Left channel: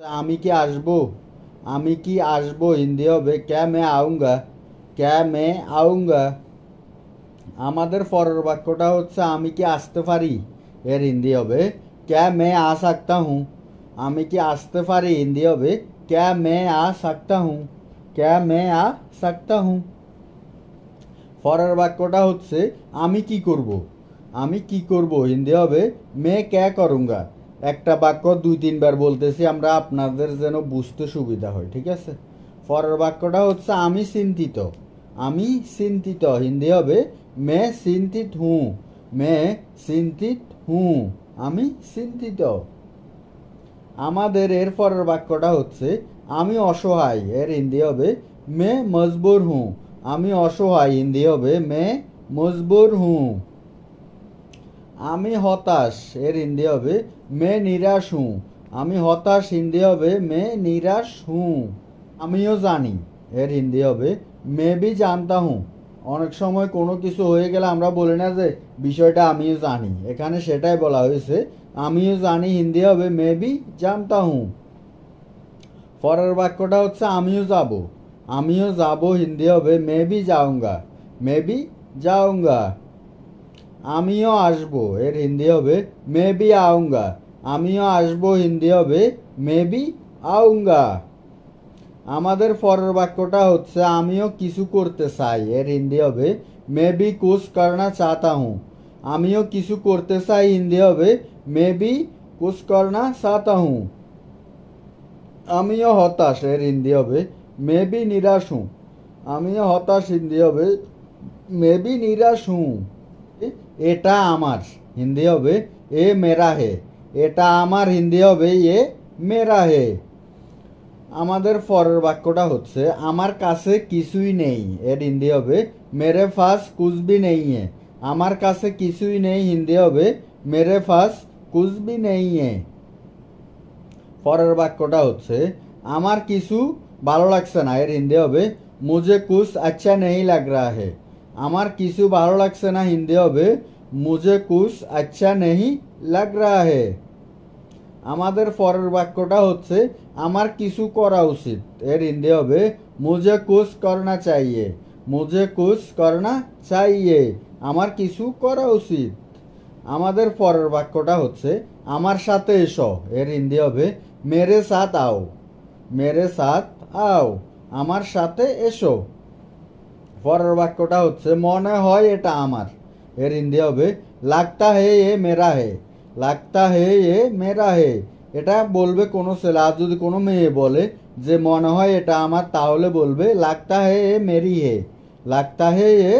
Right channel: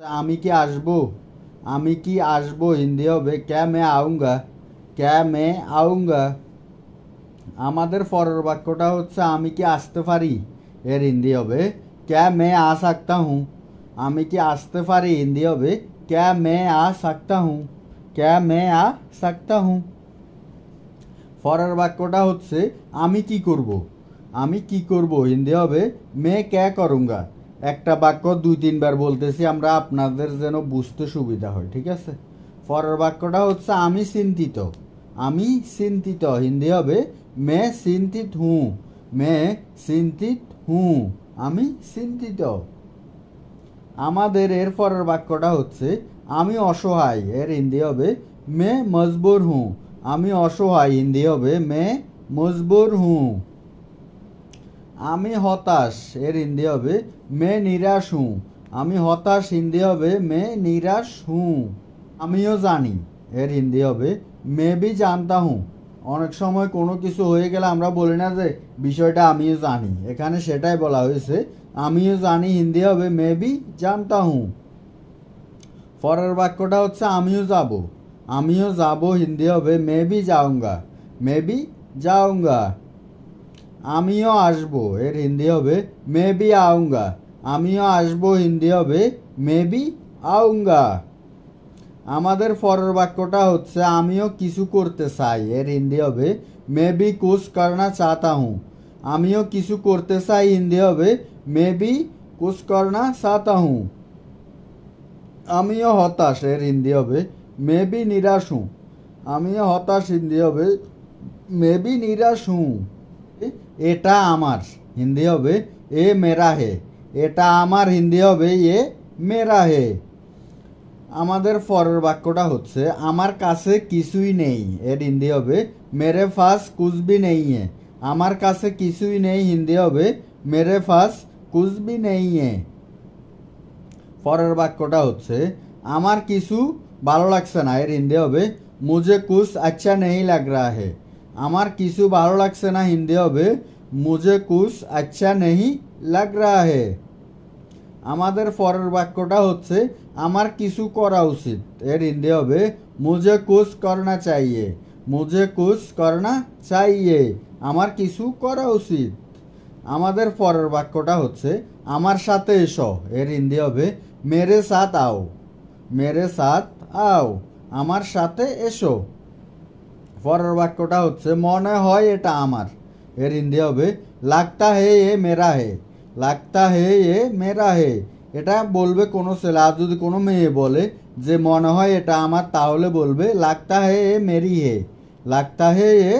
আমি কি আসবো? আমি কি আসবো হিন্দি হবে ক্যা মে আউঙ্গা। ক্যা মে আউঙ্গা। আমাদের পরের বাক্যটা হচ্ছে আমি কি আসতে পারি, এর হিন্দি হবে ক্যা মে আ সাকতা হুঁ। আমি কি আসতে পারি হিন্দি হবে ক্যা মে আ সাকতা হুঁ। ক্যা মে আ সাকতা হুঁ। পরের বাক্যটা হচ্ছে আমি কি করব। আমি কি করব হিন্দি হবে মে ক্যা করুঙ্গা। একটা বাক্য দুই তিনবার বলতেছি আমরা আপনাদের যেন বুঝতে সুবিধা হয়, ঠিক আছে। পরের বাক্যটা হচ্ছে আমি চিন্তিত। আমি চিন্তিত হিন্দি হবে মে চিন্তিত হুঁ। মে চিন্তিত হুঁ। আমি চিন্তিত। আমাদের এর পরের বাক্যটা হচ্ছে আমি অসহায়, এর হিন্দি হবে মে মজবুর হুঁ। আমি অসহায় হিন্দি হবে মে মজবুর হুঁ। আমি হতাশ, এর হিন্দি হবে মে নিরাশ হুঁ। আমি হতাশ হিন্দি হবে মে নিরাশ হুঁ। আমিও জানি, এর হিন্দি হবে মে বি জানতা হুঁ। অনেক সময় কোনো কিছু হয়ে গেলে আমরা বলি না যে বিষয়টা আমিও জানি, এখানে সেটাই বলা হয়েছে। আমিও জানি হিন্দি হবে মে বি জানতা হুঁ। পরের বাক্যটা হচ্ছে আমিও যাব। আমিও যাব হিন্দি হবে মে বি যাউঙ্গা। May be যাউঙ্গা। আমিও আসবো, এর হিন্দি হবে মে বি আউঙ্গা। আমিও আসবো হিন্দি হবে মে বি আউঙ্গা। আমাদের পরের বাক্যটা হচ্ছে আমিও কিছু করতে চাই, এর হিন্দি হবে মে বি কুছ করনা চাহতা হুঁ। আমিও কিছু করতে চাই হিন্দি হবে মে বি কুছ করনা চাহতা হুঁ। আমিও হতাশ, এর হিন্দি হবে মে বি নিরাশ হুঁ। আমিও হতাশ হিন্দি হবে মে বি নিরাশ হুঁ। এটা আমার হিন্দি হবে এ মেরা হে। এটা আমার হিন্দি হবে এ মেরা হে। আমাদের পরের বাক্যটা হচ্ছে আমার কাছে কিছুই নেই, এর হিন্দি হবে মেরে ফাস কুছ ভি নেই হে। আমার কাছে কিছুই নেই হিন্দি হবে মেরে ফাস কুছ ভি নেই হে। পরের বাক্যটা হচ্ছে আমার কিছু ভালো লাগছে না, এর হিন্দি হবে মুঝে কুছ আচ্ছা নেই লাগ রা হে। আমার কিছু ভালো লাগছে না হিন্দি হবে মুঝে কুছ আচ্ছা নেই লাগ রা হে। আমাদের পরের বাক্যটা হচ্ছে আমার কিছু করা উচিত, এর হিন্দি হবে মুঝে কুছ করনা চাইয়ে। মুঝে কুছ করনা চাইয়ে। আমার কিছু করা উচিত। আমাদের পরের বাক্যটা হচ্ছে আমার সাথে এসো, এর হিন্দি হবে মেরে সাথ আও। মেরে সাথ আও। আমার সাথে এসো। পরের বাক্যটা হচ্ছে মনে হয় এটা আমার, এর হিন্দি হবে লাগতা হে এ মেরা হে। লাগতা হে এ মেরা হে। এটা বলবে কোনো ছেলে, আর যদি কোনো মেয়ে বলে যে মনে হয় এটা আমার, তাহলে বলবে লাগতা হে এ মেরি হে। লাগতা হে এ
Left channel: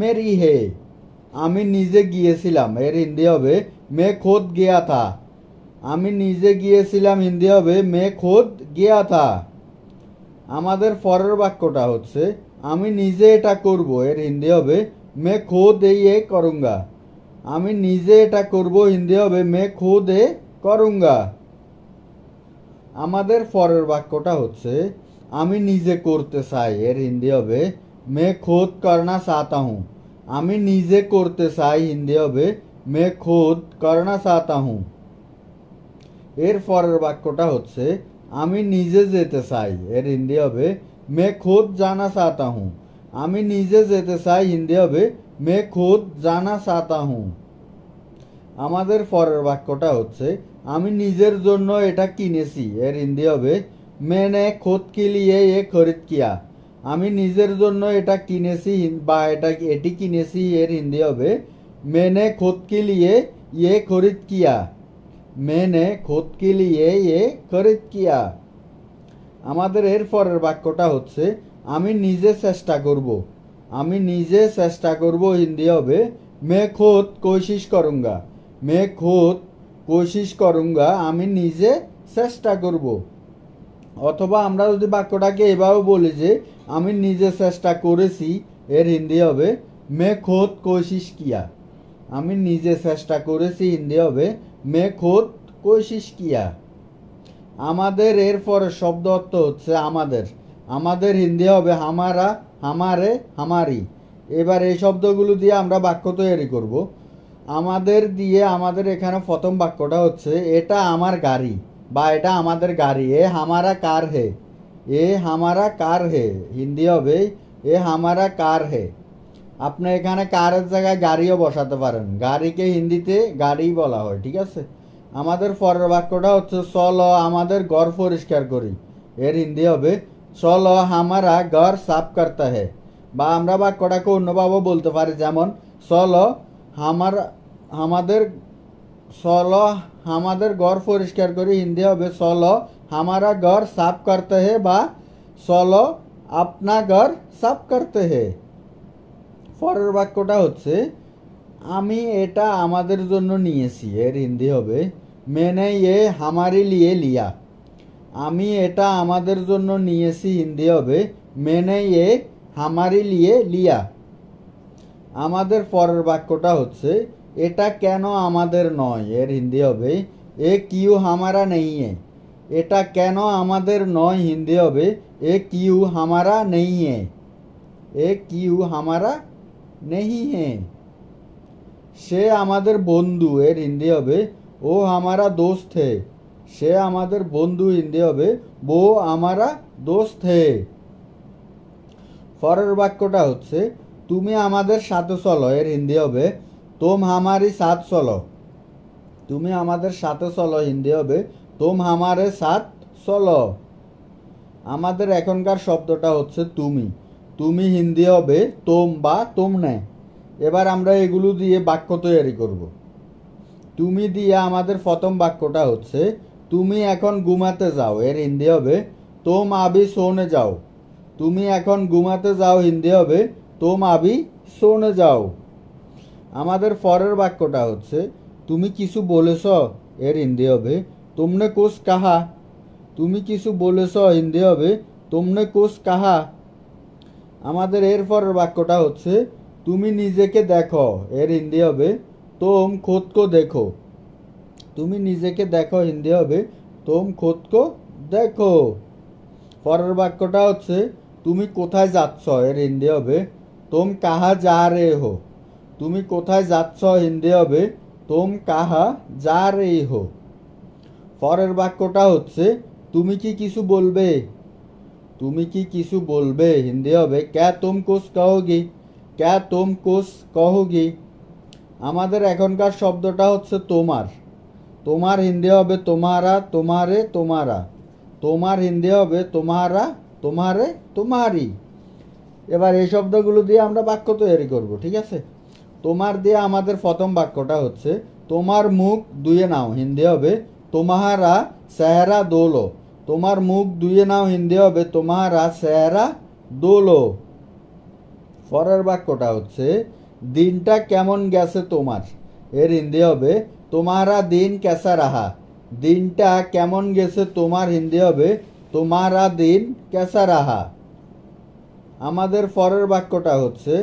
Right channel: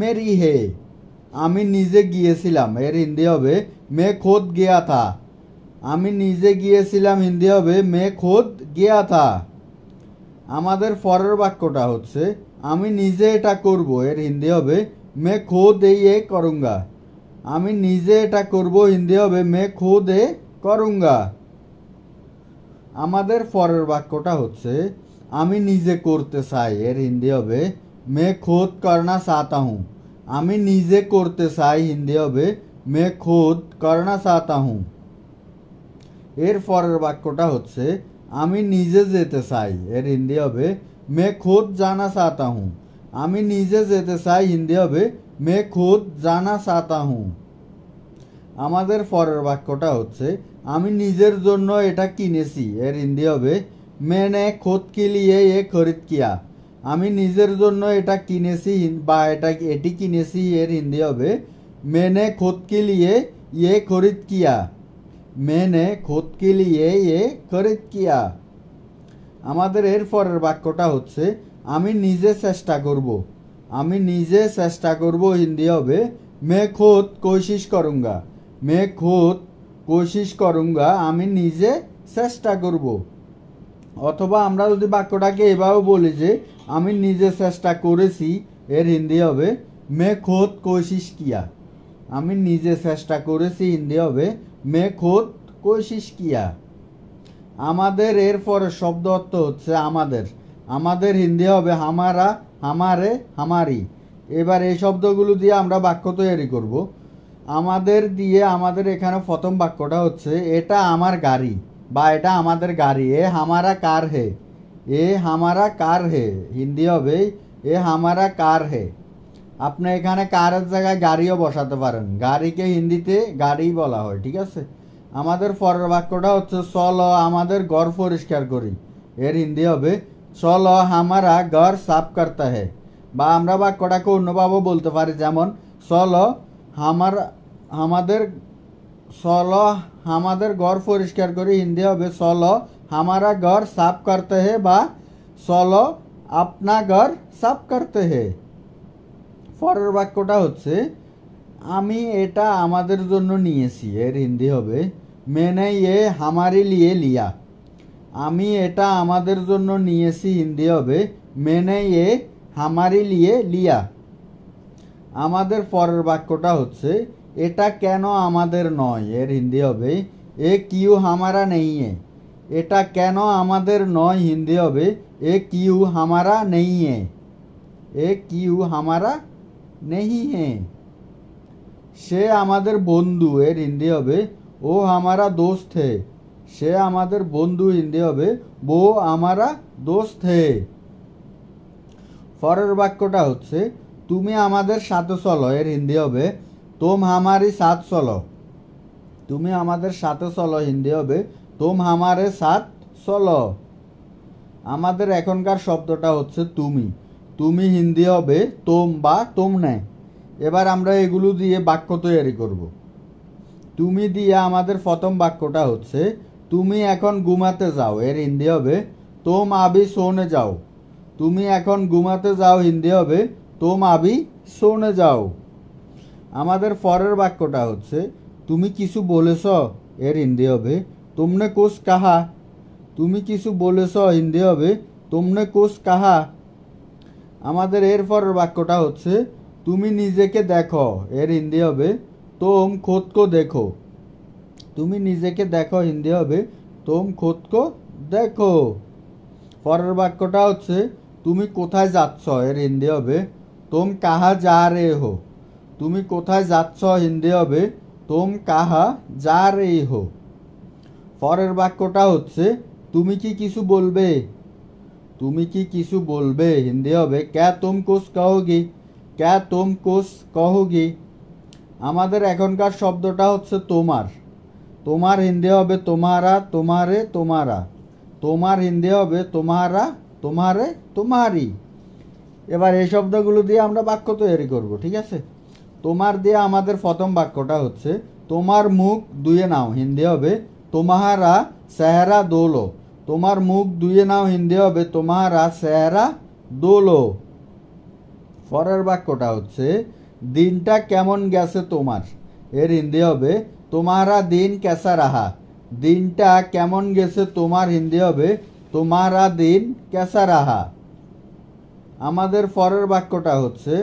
মেরি হে। আমি নিজে গিয়েছিলাম, এর হিন্দি হবে মে খোদ গিয়া থা। আমি নিজে গিয়েছিলাম হিন্দি হবে মে খোদ গিয়া থা। আমাদের পরের বাক্যটা হচ্ছে আমি নিজে এটা করব, এর হিন্দি হবে মে খোদ এ করুঙ্গা। আমি নিজে এটা করব হিন্দি হবে মে খোদ এ করুঙ্গা। আমাদের পরের বাক্যটা হচ্ছে আমি নিজে করতে চাই, এর হিন্দি হবে মে খোদ করনা চাহতা হুঁ। আমি নিজে করতে চাই হিন্দি হবে মে খোদ করনা চাহতা হুঁ। এর পরের বাক্যটা হচ্ছে আমি নিজে যেতে চাই, এর হিন্দি হবে মে খোদ জানা চাহতা হুঁ। আমি নিজে যেতে চাই হিন্দি হবে মে খোদ জানা চাহতা হুঁ। আমাদের পরের বাক্যটা হচ্ছে আমি নিজের জন্য এটা কিনেছি, এর হিন্দি হবে मैंने खुद के लिए ये खरीद किया। আমি নিজের জন্য এটা কিনেছি বা এটি কিনেছি, এর হিন্দি হবে मैंने खुद के लिए ये खरीद किया। मैंने खुद के लिए ये खरीद किया। আমাদের এর পরের বাক্যটা হচ্ছে আমি নিজে চেষ্টা করব। আমি নিজে চেষ্টা করব হিন্দি হবে मैं खुद कोशिश करूंगा। मैं खुद कोशिश करूंगा। আমি নিজে চেষ্টা করব। অথবা আমরা যদি বাক্যটাকে এভাবে বলি যে আমি নিজে চেষ্টা করেছি, এর হিন্দি হবে मैं खुद कोशिश किया। আমি নিজে চেষ্টা করেছি হিন্দি হবে मैं खुद कोशिश किया। আমাদের এর পরের শব্দ অর্থ হচ্ছে আমাদের। আমাদের হিন্দি হবে হামারা, হামারে, হামারি। এবার এই শব্দগুলো দিয়ে আমরা বাক্য তৈরি করব। আমাদের দিয়ে আমাদের এখানে প্রথম বাক্যটা হচ্ছে এটা আমার গাড়ি। বা এটা আমাদের গাড়ি, এ হামারা কার হে, এ হামারা কার হে হিন্দি হবে এ হামারা কার হে। আপনি এখানে কারের জায়গায় গাড়িও বসাতে পারেন, গাড়িকে হিন্দিতে গাড়ি বলা হয়, ঠিক আছে। আমাদের পরের বাক্যটা হচ্ছে চলো আমাদের ঘর পরিষ্কার করি, এর হিন্দি হবে চলো হামারা ঘর সাফ করতে হে। বা আমরা বাক্যটাকে অন্যভাবে বলতে পারি, যেমন চলো আমাদের ঘর পরিষ্কার করি, হিন্দি হবে চলো হামারা ঘর সাফ করতে হে বা চলো আপনা ঘর সাফ করতে হে। পরের বাক্যটা হচ্ছে আমি এটা আমাদের জন্য নিয়েছি, এর হিন্দি হবে মেনে ইয়ে হামারে লিয়ে লিয়া। আমি এটা আমাদের জন্য নিয়েছি, হিন্দি হবে মেনে ইয়ে হামারে লিয়ে লিয়া। আমাদের পরের বাক্যটা হচ্ছে এটা কেন আমাদের নয়, এর হিন্দি হবে এ কিউ হামারা নেই হে। এটা কেন আমাদের নয়, হিন্দি হবে এ কিউ হামারা নেই হে, এ কিউ হামারা নেই হে। সে আমাদের বন্ধু, এর হিন্দি হবে ও হামারা দোস্ত হে। সে আমাদের বন্ধু, হিন্দি হবে वो हमारा दोस्त है। পরের বাক্যটা হচ্ছে তুমি আমাদের সাথে চলো, এর হিন্দি হবে तुम हमारे साथ चलो। তুমি আমাদের সাথে চলো, হিন্দি হবে तुम हमारे साथ चलो। আমাদের এখনকার শব্দটা হচ্ছে তুমি, তুমি হিন্দি হবে তোম বা তোমনে। এবার আমরা এগুলো দিয়ে বাক্য তৈরি করব। তুমি দিয়ে আমাদের প্রথম বাক্যটা হচ্ছে তুমি এখন ঘুমাতে যাও, এর হিন্দি হবে তোম আবি সোনে যাও। তুমি এখন ঘুমাতে যাও, হিন্দি হবে তোম আবি সোনে যাও। আমাদের পরের বাক্যটা হচ্ছে তুমি কিছু বলেছ, এর হিন্দি হবে তুমনে কুছ কাহা। তুমি কিছু বলেছ, হিন্দি হবে তুমনে কুছ কাহা। আমাদের এর পরের বাক্যটা হচ্ছে তুমি নিজেকে দেখো, এর হিন্দি হবে তোম খুদ কো দেখো। তুমি নিজেকে দেখো, হিন্দি হবে তোম খুদ কো দেখো। পরের বাক্যটা হচ্ছে তুমি কোথায় যাচ্ছ, এর হিন্দি হবে তোম কাহা যা রে হো। তুমি কোথায় যাচ্ছ, হিন্দি হবে তোম কাহা যা রে হো। পরের বাক্যটা হচ্ছে তুমি কি কিছু বলবে, তুমি কি কিছু বলবে, হিন্দি হবে ক্যা তুম কুছ কहोगी, ক্যা তুম কুছ কहोगी। আমাদের এখনকার শব্দটা হচ্ছে তোমার, তোমার হিন্দি হবে তোমারা, তোমারে, তোমারা। তোমার হিন্দি হবে তোমারা, তোমারে, তোমারি। এবার এই শব্দগুলো দিয়ে আমরা বাক্য তৈরি করব, ঠিক আছে। তোমার দিয়ে আমাদের প্রথম বাক্যটা হচ্ছে তোমার মুখ ধুয়ে নাও, হিন্দি হবে তোমারা চেহারা দোলো। তোমার মুখ ধুয়ে নাও, হিন্দি হবে তোমারা চেহারা দোলো। পরের বাক্যটা হচ্ছে দিনটা কেমন গেছে তোমার, এর হিন্দি হবে তোমারা দিন কেসা রাহা। দিনটা কেমন গেছে তোমার, হিন্দি হবে তোমারা দিন কেসা রাহা। আমাদের পরের বাক্যটা হচ্ছে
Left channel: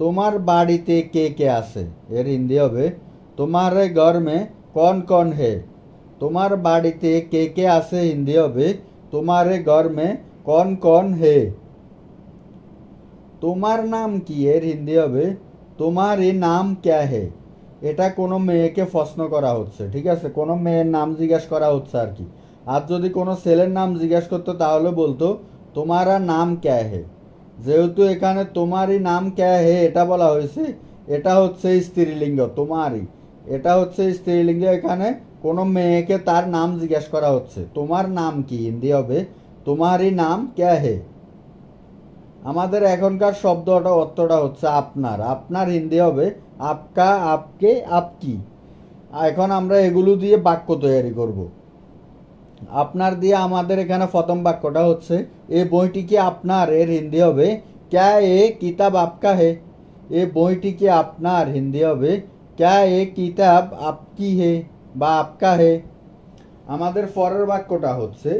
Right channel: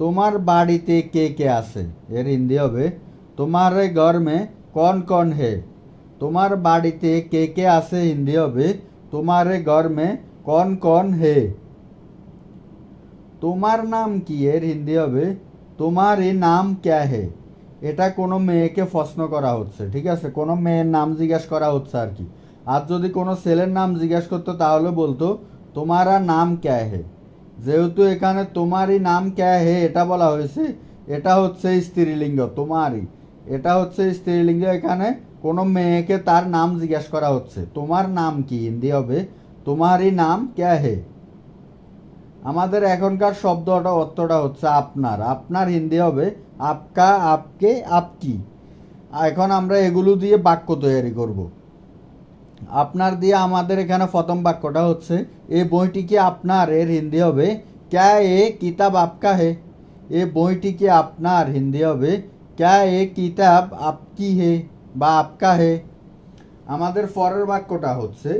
তোমার বাড়িতে কে কে আছে, এর হিন্দি হবে তোমারে ঘর মে কন কন হে। তোমার বাড়িতে কে কে আছে, হিন্দি হবে তোমারে ঘর মে কন কন হে। তোমার নাম কি, এর হিন্দি হবে তোমার এই নাম ক্যা হে। এটা কোনো মেয়েকে প্রশ্ন করা হচ্ছে, ঠিক আছে, কোনো মেয়ের নাম জিজ্ঞাসা করা হচ্ছে আর কি। আর যদি কোনো ছেলের নাম জিজ্ঞাসা করতো তাহলে বলতো তোমারা নাম ক্যা হে। যেহেতু এখানে তোমারই নাম ক্যা হে এটা বলা হয়েছে, এটা হচ্ছে স্ত্রীলিঙ্গ তোমারই, এটা হচ্ছে স্ত্রীলিঙ্গ। এখানে কোনো মেয়েকে তার নাম জিজ্ঞাসা করা হচ্ছে, তোমার নাম কি, হিন্দি হবে তোমারই নাম ক্যা হে। আমাদের এখনকার শব্দটা অর্থটা হচ্ছে আপনার, আপনার হিন্দি হবে আপকা, আপকে, আপকি। এখন আমরা এগুলো দিয়ে বাক্য তৈরি করব। আপনার দিয়ে আমাদের এখানে প্রথম বাক্যটা হচ্ছে এই বইটি কি আপনার, এর হিন্দি হবে ক্যা এ কিতাব আপকা হে। এই বইটি কি আপনার, হিন্দি হবে ক্যা এ কিতাব আপকি হে বা আপকা হে। আমাদের পরের বাক্যটা হচ্ছে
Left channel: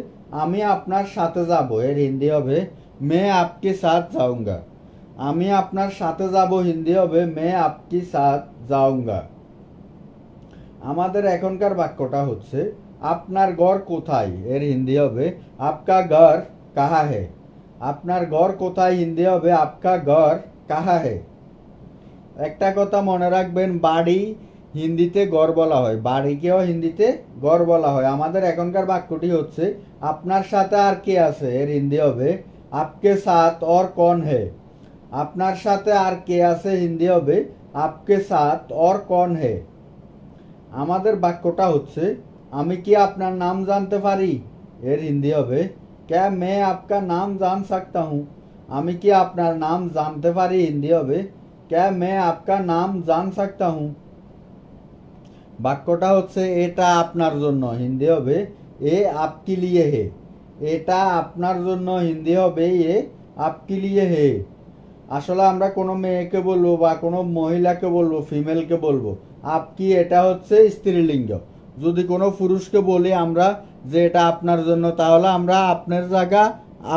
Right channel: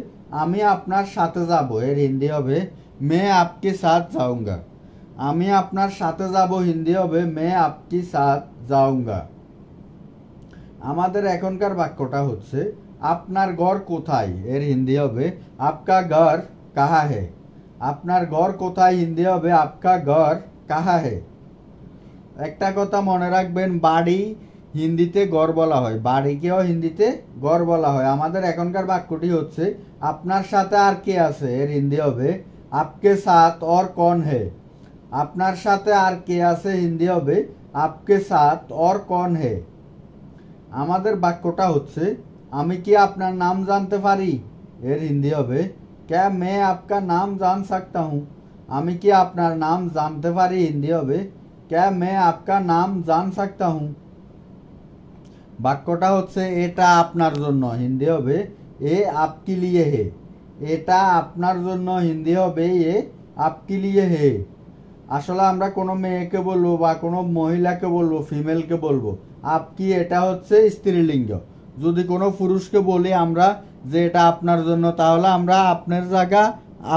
আমি আপনার সাথে যাব, এর হিন্দি হবে মে আপকে সাথ যাউঙ্গা। আমি আপনার সাথে যাব, হিন্দি হবে মে আপকি সাথ যাউঙ্গা। আমাদের এখনকার বাক্যটা হচ্ছে আপনার ঘর কোথায়, এর হিন্দি হবে আপকা ঘর কাহা হে। আপনার ঘর কোথায়, হিন্দি হবে আপকা ঘর কাহা হে। একটা কথা মনে রাখবেন, বাড়ি হিন্দিতে ঘর বলা হয়, বাড়িকেও হিন্দিতে ঘর বলা হয়। আমাদের এখনকার বাক্যটি হচ্ছে আপনার সাথে আর কে আছে, এর হিন্দি হবে আপকে সাথ और कौन है। আপনার সাথে আর কে আছে হিন্দি হবে आपके साथ और कौन है। আমাদের বাক্যটা হচ্ছে আমি কি আপনার নাম জানতে পারি, এর হিন্দি হবে क्या मैं आपका नाम जान सकता हूँ। আমি কি আপনার নাম জানতে পারি হিন্দি হবে क्या मैं आपका नाम जान सकता हूँ। বাক্যটা হচ্ছে এটা আপনার জন্য হিন্দি হবে এ आपके लिए है। এটা আপনার জন্য হিন্দি হবে এ आपके लिए है। আসলে আমরা কোনো মেয়েকে বলবো বা কোনো মহিলাকে বলবো, ফিমেলকে বলবো আপকি, এটা হচ্ছে স্ত্রীলিঙ্গ। যদি কোনো পুরুষকে বলি আমরা যে এটা আপনার জন্য, তাহলে আমরা আপনার জায়গা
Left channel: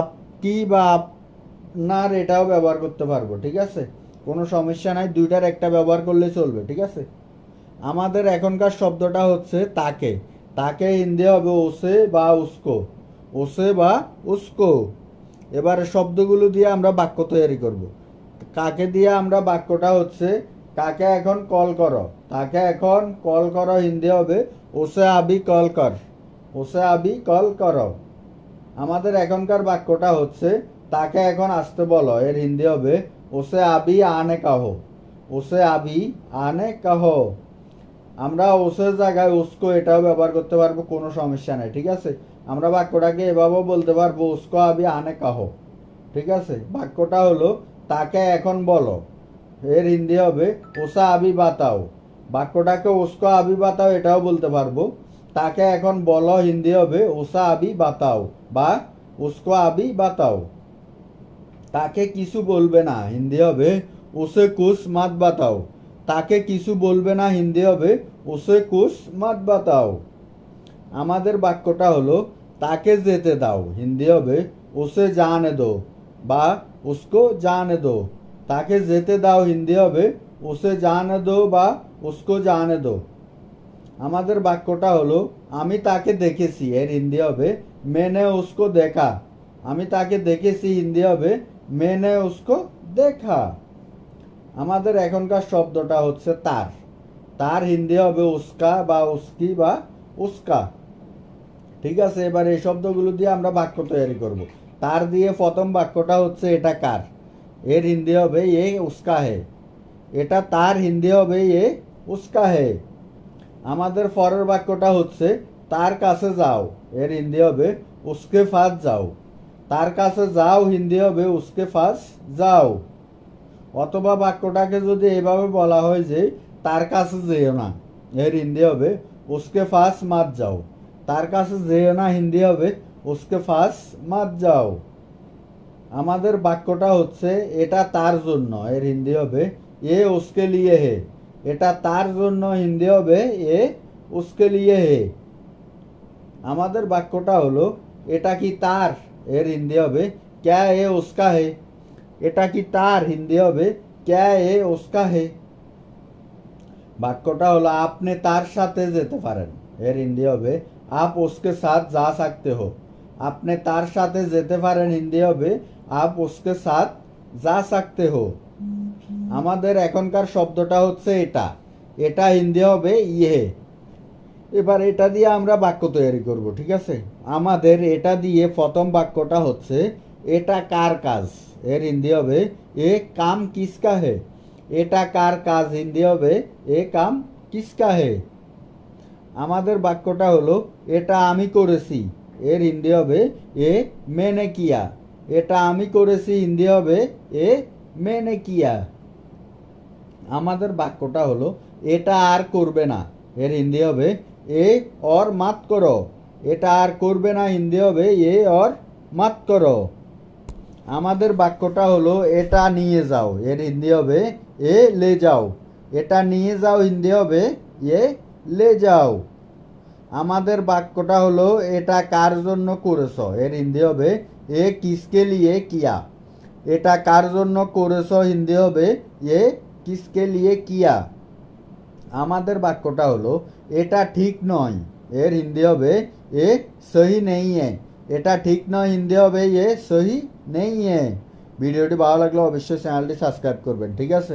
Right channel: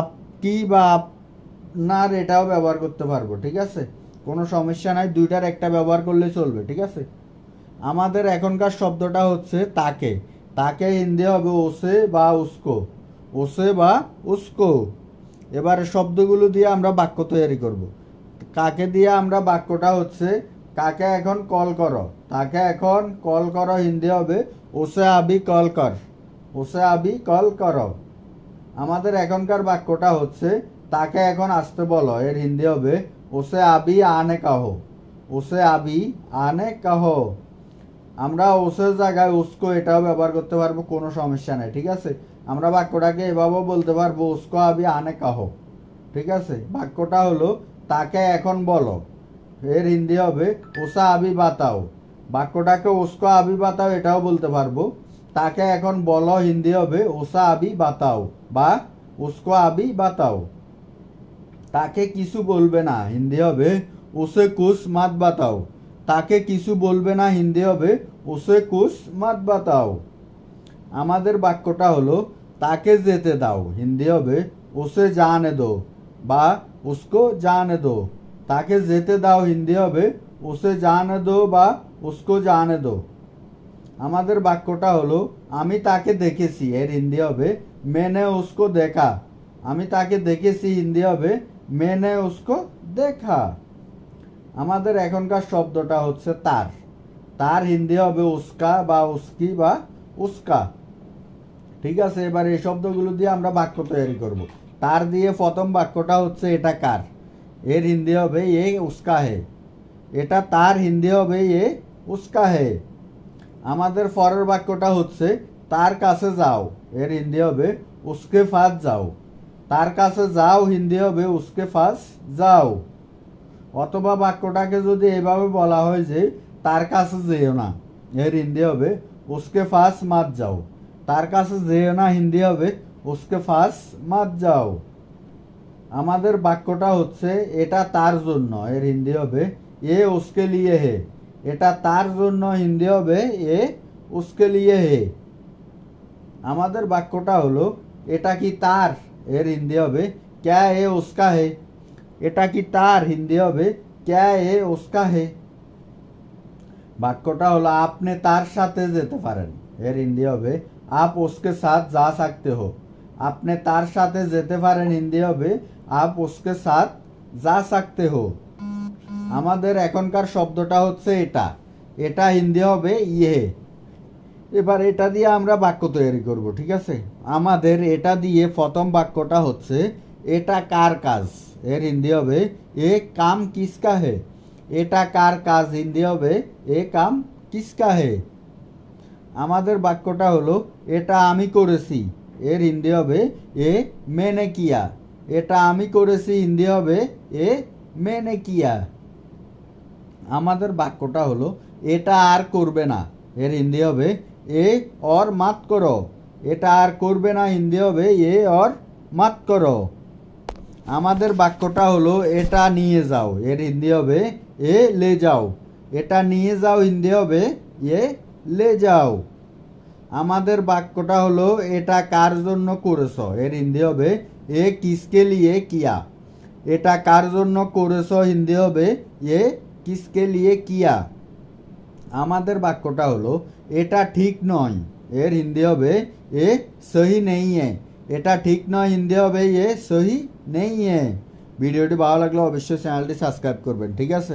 আপকি বা আপনার এটাও ব্যবহার করতে পারবো, ঠিক আছে, কোনো সমস্যা নাই, দুইটার একটা ব্যবহার করলে চলবে, ঠিক আছে। আমাদের এখনকার শব্দটা হচ্ছে তাকে। তাকে হিন্দি হবে ওসে বা উসকো, ওসে বা উসকো। এবারে শব্দগুলো দিয়ে আমরা বাক্য তৈরি করব। কাকে দিয়ে আমরা বাক্যটা হচ্ছে কাকে এখন কল করো, তাকে এখন কল করো হিন্দি হবে ওসে আবি কল কর, ওসে আবি কল করো। আমাদের এখনকার বাক্যটা হচ্ছে তাকে এখন আসতে বলো, এর হিন্দি হবে ওসে আবি আনে কাহো, ওসে আবি আনে কাহো। আমরা ওসের জায়গায় উসকো এটাও ব্যবহার করতে পারবো, কোনো সমস্যা নেই, ঠিক আছে। আমরা বাক্যটাকে এভাবেও বলতে পারবো উসকো আবি আনে কাহো, ঠিক আছে। বাক্যটা হলো তাকে এখন বলো, এর হিন্দি হবে ওসা আবি বাতাও। বাক্যটাকে উসকো আবি বাতাও এটাও বলতে পারবো। তাকে এখন বলো হিন্দি হবে ওসা আবি বাতাও বা উসকো আবি বাতাও। তাকে কিছু বলবে না হিন্দি হবে ওসে কুছ মাত বাতাও। তাকে কিছু বলবে না হিন্দি হবে ওসে কুছ মাত বাতাও। আমাদের বাক্যটা হলো তাকে যেতে দাও হিন্দি হবে ওসে জানে দো বা উসকো জানে দো। তাকে যেতে দাও হিন্দি হবে ওসে জানে দো বা উসকো জানে দো। আমাদের বাক্যটা হলো আমি তাকে দেখেছি, এর হিন্দি হবে মেনে উসকো দেখা। আমি তাকে দেখেছি হিন্দি হবে মেনে উসকো দেখা। আমাদের এখনকার শব্দটা হচ্ছে তার। তার হিন্দি হবে উস্কা বা উস্কি বা উস্কা, ঠিক আছে। এবার এই শব্দগুলো দিয়ে আমরা বাক্য তৈরি করব। তার দিয়ে প্রথম বাক্যটা হচ্ছে এটা কার, এর হিন্দি হবে এ উস্কা হে। এটা তার হিন্দি হবে এ উস্কা হে। আমাদের পরের বাক্যটা হচ্ছে তার কাছে যাও, এর হিন্দি হবে উসকে ফাস যাও। তার কাছে যাও হিন্দি হবে উসকে ফাস যাও। অথবা বাক্যটাকে যদি এভাবে বলা হয় যে তার কাছে যেও না, এর হিন্দি হবে উসকে ফাস মাত যাও। তার কাছে যেও না হিন্দি হবে উসকে ফাস মাত যাও। আমাদের বাক্যটা হচ্ছে এটা তার জন্য, এর হিন্দি হবে এ উসকে লিয়ে হে। এটা তার জন্য হিন্দি হবে এ উসকে লিয়ে হে। আমাদের বাক্যটা হলো এটা কি তার, এর হিন্দি হবে ক্যা এ উসকা হে। এটা কি তার হিন্দি হবে ক্যা এ উসকা হে। বাক্যটা হলো আপনি তার সাথে যেতে পারেন, এর হিন্দি হবে আপ উসকে সাথ যা सकते हो। আপনি তার সাথে যেতে পারেন হিন্দি হবে আপ উসকে সাথ যা सकते हो। আমাদের এখনকার শব্দটা হচ্ছে এটা, এটা হিন্দি হবে ইয়ে। এবার এটা দিয়ে আমরা বাক্য তৈরি করব, ঠিক আছে। আমাদের এটা দিয়ে প্রথম বাক্যটা হচ্ছে এটা কার কাজ, এর হিন্দি হবে এ কাম কিসকা হে। এটা কার কাজ হিন্দি হবে এ কাম কিসকা হে। আমাদের বাক্যটা হলো এটা আমি করেছি, এর হিন্দি হবে এ মেনে কিয়া। এটা আমি করেছি হিন্দি হবে এ মেনে কিয়া। আমাদের বাক্যটা হলো এটা আর করবে না, এর হিন্দি হবে এ और मत करो। এটা আর করবে না হিন্দি হবে এ और मत करो। আমাদের বাক্যটা হলো এটা নিয়ে যাও, এর হিন্দি হবে এ ले जाओ। এটা নিয়ে যাও হিন্দি হবে এ ले जाओ। আমাদের বাক্যটা হলো এটা কার জন্য করেছো, এর হিন্দি হবে এ किसके लिए किया। এটা কার জন্য করেছো হিন্দি হবে এ किसके लिए किया। আমাদের বাক্যটা হলো এটা ঠিক নয়, এর হিন্দি হবে এ সহি নেই है। এটা ঠিক নয় হিন্দি হবে এ সহি নেই है। ভিডিওটি ভালো লাগলে অবশ্যই চ্যানেলটি সাবস্ক্রাইব করবেন, ঠিক আছে।